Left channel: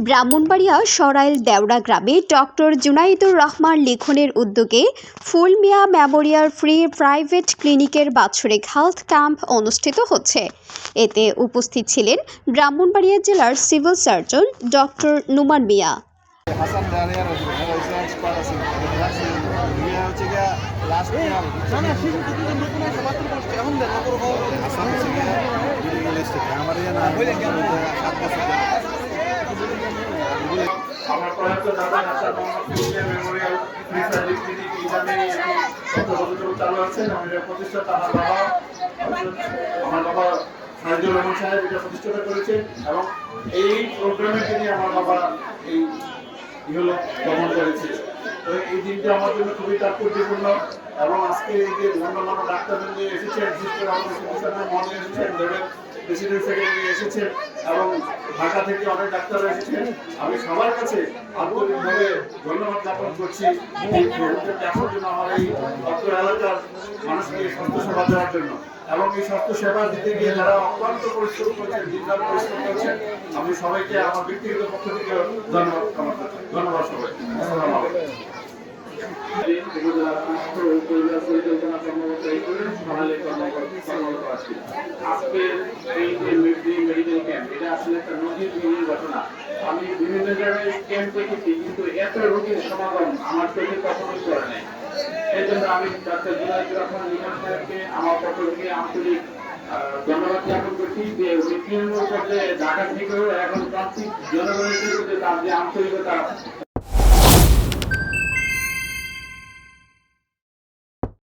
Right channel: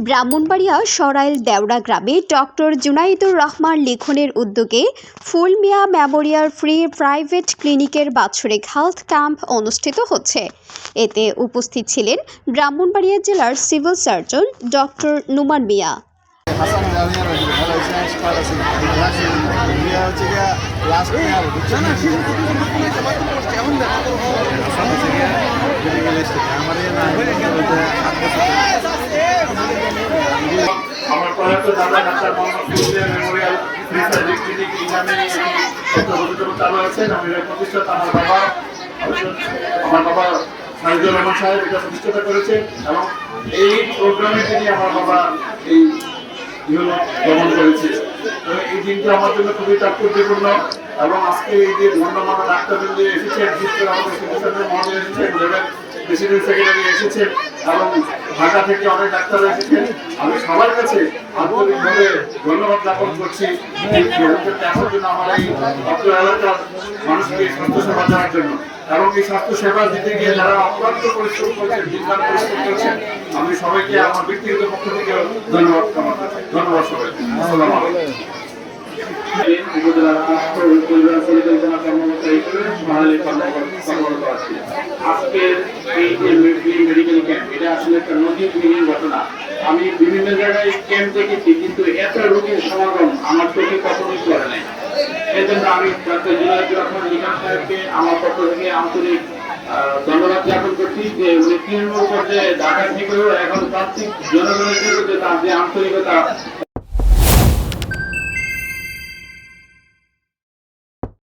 ব্রাহ্মণবাড়িয়া সরাইল দেওড়া গ্রামে ডক্টর জুনাইদুর রহমান লিখনের উদ্যোগে Fulmia Memorial free private ক্লিনিকের বাৎসরিক হেলথ ক্যাম্প অনুষ্ঠিত হচ্ছে এতে উপস্থিত ছিলেন ব্রাহ্মণবাড়িয়া জেলার civil surgeon doctor Numan Mia Hasan জামিয়ার ভালো হয়েছে এক্সপার্ট আছে লাস্ট ইয়ে হচ্ছে গিয়া লাস্ট ইয়ার বুঝছেন মেডিকেল স্টেট আমাদের সাত বছর আমার প্রয়াত এবং এই আমার বাবা এই ইহলো ভ্রমণ এই দিনটা আমার জন্য খুবই তাৎপর্যপূর্ণ। এবং আজকে এই যে গণ্যমান্য ডাক্তারবৃন্দ এসেছেন বিশেষ করে আমাদের চিকিৎসকের মহোদয় এসেছেন প্রেসিডেন্ট সেক্রেটারি এসেছে এবং ঢাকা থেকে অনেক ডাক্তার এসেছেন আমি সবার কাছে আন্তরিকভাবে ধন্যবাদ জ্ঞাপন করছি। দেখার জন্য আমার এই অত্র এলাকার মানুষকে স্বাস্থ্যসেবা দেওয়ার জন্য। এবং এই স্বাস্থ্যসেবা দিতে গিয়ে যারা অক্লান্ত পরিশ্রম করছেন দিনদার পরিশ্রম করছেন, আমি সবাইকে আমার ব্যক্তিগত পক্ষ থেকে ধন্যবাদ করছি। ধন্যবাদ সবাই আসসালামু আলাইকুম। আজকের এই যে আমি বিভিন্ন জায়গায় ক্যাম্প দেখেছি কিন্তু এত রোগীর সমাগম আমার চোখে কখনোই করে নাই এই আমি ডাক্তার জুনায়দুর রহমান নিজাম সাহেবকে আমার পক্ষ থেকে আন্তরিক ধন্যবাদ জ্ঞাপন করছি যে উনি তৃণমূল পর্যায়ে ঢাকা থেকেও এখন প্রান্তিক জনগণের বিরুদ্ধে তার যে আন্তরিকতা